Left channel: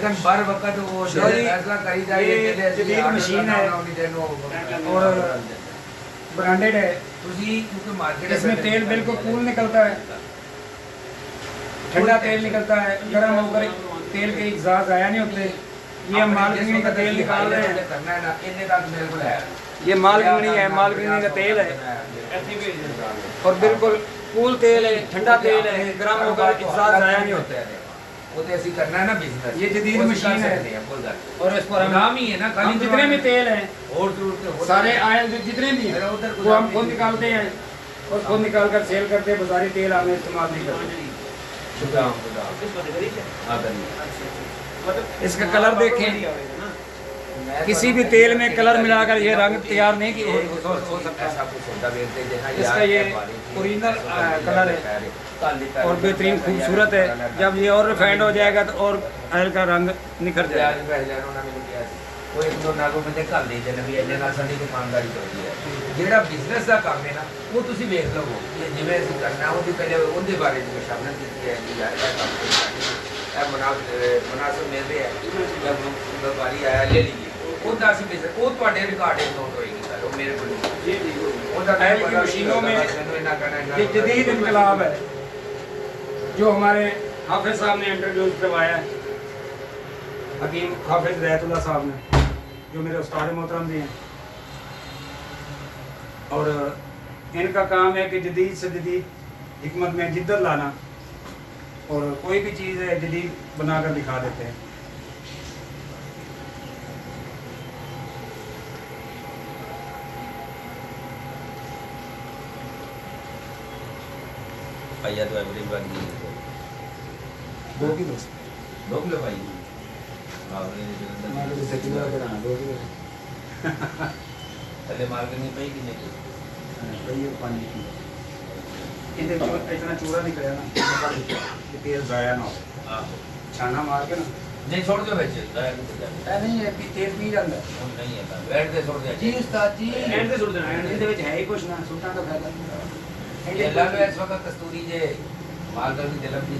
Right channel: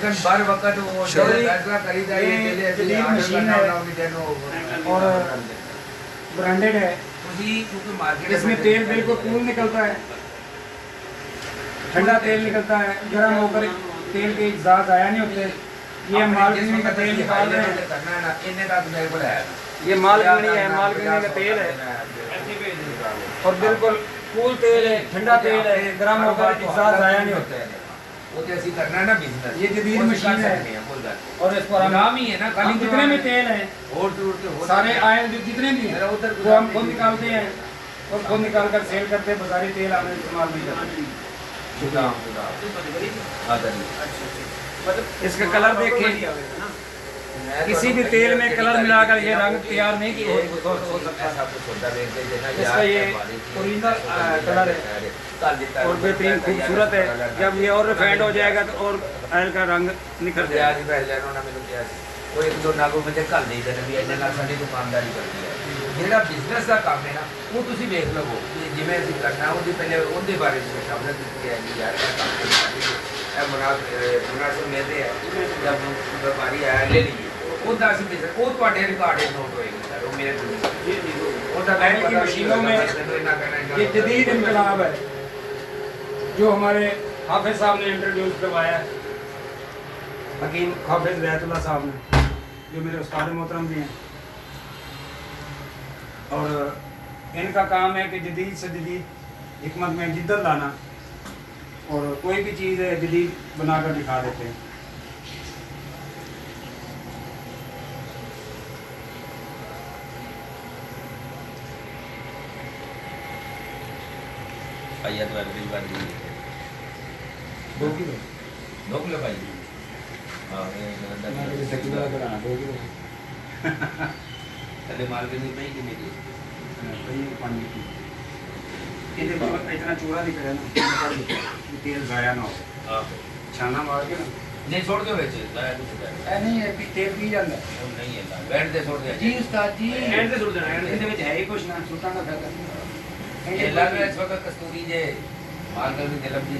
लेकिन बर वक्त वो फैसला करी जाए जदीद मशीन है और ब्रांडेड है। इसमें तेल बिल्कुल कूल निकलता है, ठंडा तेल निकलता है, गर्म होकर तेल के एग्जॉस्ट आया नहीं होते। ये हम मालकिनी का तेल निकाल रहे हैं, ये मालकिनी है, मालकिनी का तेल है और बिल्कुल कूल तेल है, ठंडा तेल है, गर्म होकर एग्जॉस्ट आया नहीं होता है। वो जैसी करना है ना बिजनेस, ये जदीद मशीन है और इस पर हम नाम ही है ना हम जितने भी तेल हैं और सारे आयल जितने भी हैं वो हम खुद निकालते हैं और खुद निकाल कर सेल करते हैं। बाजारी तेल हमें इस्तेमाल नहीं करते। इसका कलर देखें, किसी भी तेल में कलर मिलाकर ये रंग तैयार नहीं किया हो सकता। इसका ये ओरिजिनल कलर है और बेहतरीन खूबसूरत है। जब ये और रिफाइंड हो जाएगा तो और ऑयल का रंग निखर जाएगा। वो एक दो नागों में कल नहीं देना भी इन्ने नाल साडी दुकानदारी करती है। जेड़ा बिजनेस का काम है ना वो तुसी देख लवो जिवें ਅਸੀਂ करना ਉਹਦੀ ਪਹਿਲੇ ਉਹਦੇ ਬਾਰੇ ਵਿੱਚ ਸ਼ਾਮਲ ਕੀਤੀ है कि यार ਇਹ ਕੰਮ है मुनासिब मिलते हैं जब व्यापारी आया ले लीजिए ਉਹਦਾ ਅਸੀਂ ਬਿਜ਼ਨਸ ਉਹ ਤੁਹਾਡੇ ਰਿਕਾਰਡ ਵਿੱਚ ਨੋਟ ਹੋਏਗੀ ਸਰ ਉਹ ਮੇਰੇ ਕੋਲ ਉਹਦਾ मशीनों में ये जदीद इनकलाब है जो हमारे हाफिज साहब ने इंट्रोड्यूस करवाया है, हकीम हाफिज रहतुल्लाह साहब ने, जो मेरे उस्ताद मोहतरम भी हैं। और इनका काम है कि जदीद से जदीद हिकमत में जिद्दत लाना और कोई भी चीज़ है जदीद बनाकर दिखा देते हैं। भैया तो एवरेज वाली दो की बस 2 किलो भाई पहले मार्केट में नहीं कितने की इतना चूड़ा निकला ना ये तेल ज़ाया ना हो, छाना मार के ना नहीं छोड़ दो वैसे दया नहीं जाए नहीं है तेल पी जाता है नहीं है बैठ दे छोड़ दे जी उस्ताद जी बैठ दे छोड़ देना ਇਹਦੇ ਵਿੱਚ ਹੈ ਹੀ ਕੁਛ ਨਾ ਸੁਲਤਾਨ ਦਾ ਫਾयदा ये लग रहा है छोटा कस्तूरी जे मार्केट में जलम जी